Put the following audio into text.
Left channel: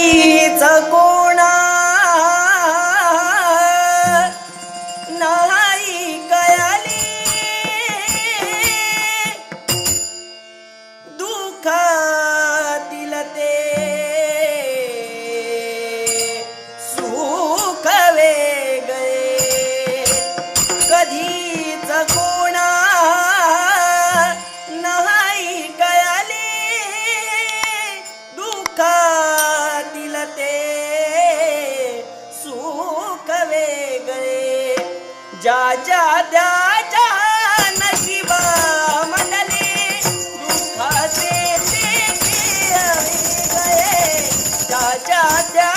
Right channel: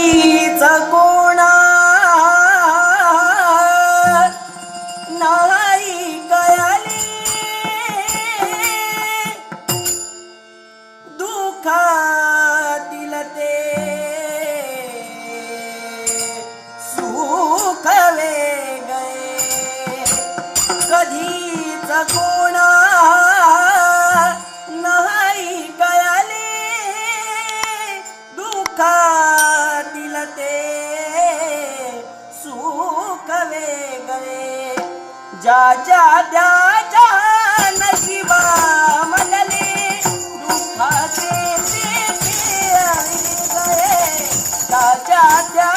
कोणा नाही कयाली दुःखातील ते सुख वेगळे कधीच कोणा नाही कयाली दुःखातील ते सुख वेगळे ज्याच्या त्याच्या नशिबा मधले दुःखाचे ते वेगळे ज्याच्या